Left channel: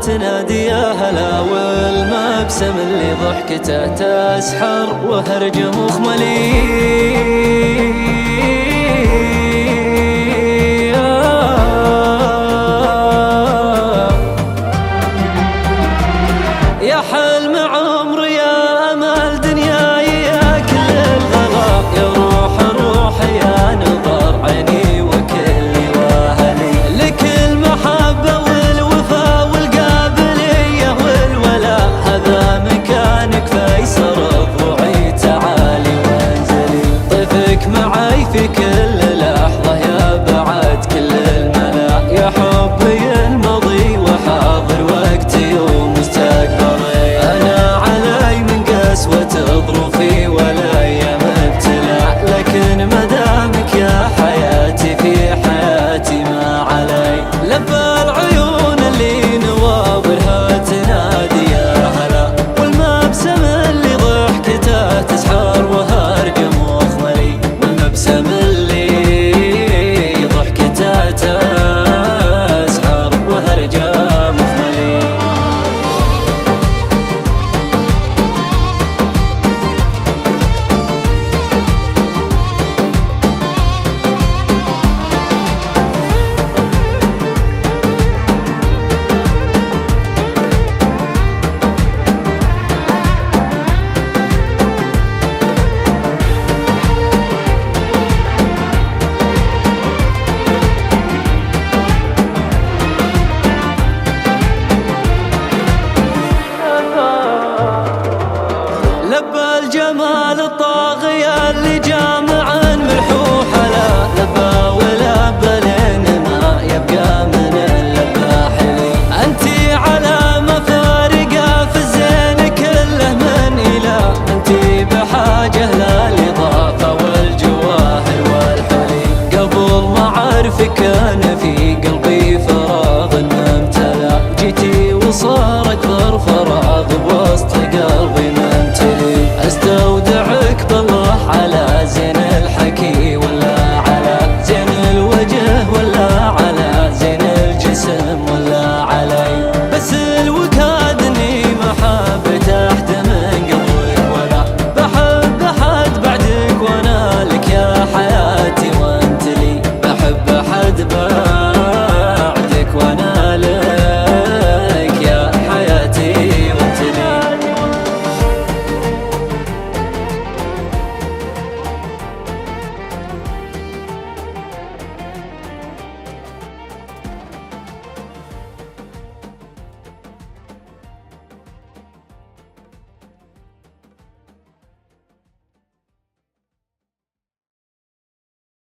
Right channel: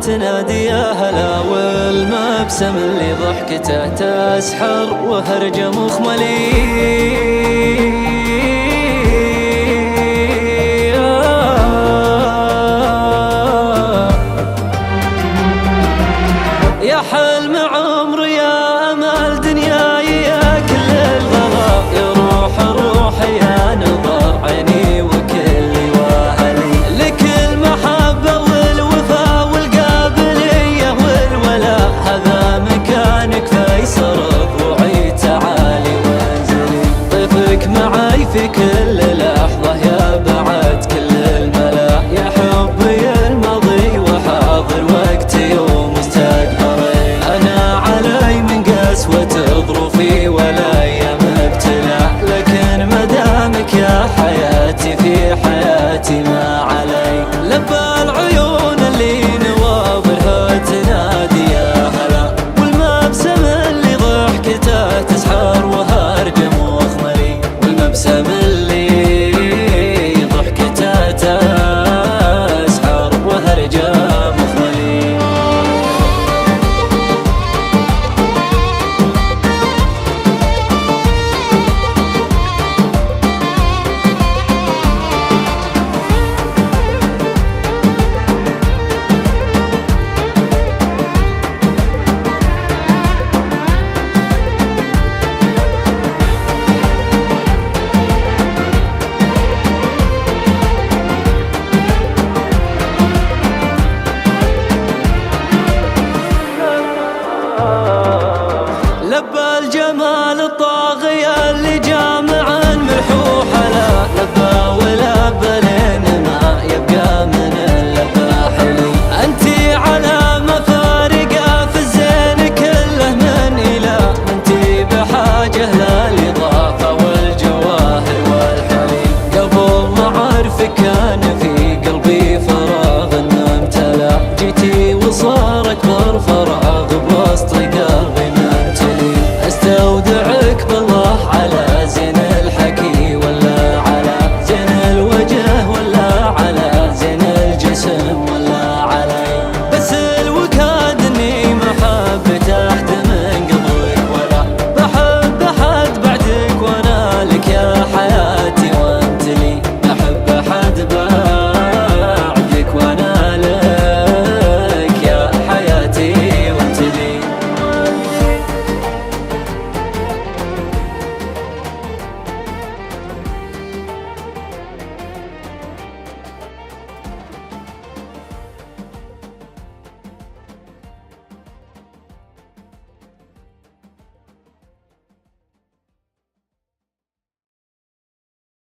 تنادي يا هلا، والمبسم اللي ضحكته تسحر وهرج مخملي. يا حلم عمري يا أمل دنياي يا كل الغلا، يا روح يا نظر عيني وكل واهلي، لك المحبة والوفا والقابلية والولاء، هذا مكانك فيصل ضلوعي تعالي وانزلي، ضيفك معي في كل لحظة يا بعد كل الملا، يا حبي الماضي وحاضر وقتي ومستقبلي، أنا علي من قسوة ظروفي ولا أيام ابتلاء، لكن مدامك يا حياتي في حياتي ما علي، لبى العيون اللي نواظرها تنادي يا هلا، والمبسم اللي ضحكته تسحر وهرج مخملي، والمبسم اللي ضحكته تسحر وهرج مخملي. لبى الجمال الطاغية اللي جامع ملحوح لا، لبى ولبى لين ما يبقى من اللبى حلي، انتي علامة فارقة في الزين كله من إله، انتي بحاجة للإضافة والجواهر والحلي، قبل ما أعرفك كان في قلبي فراغ امتلأ، جيتي وصار أكبر فراغ بوسط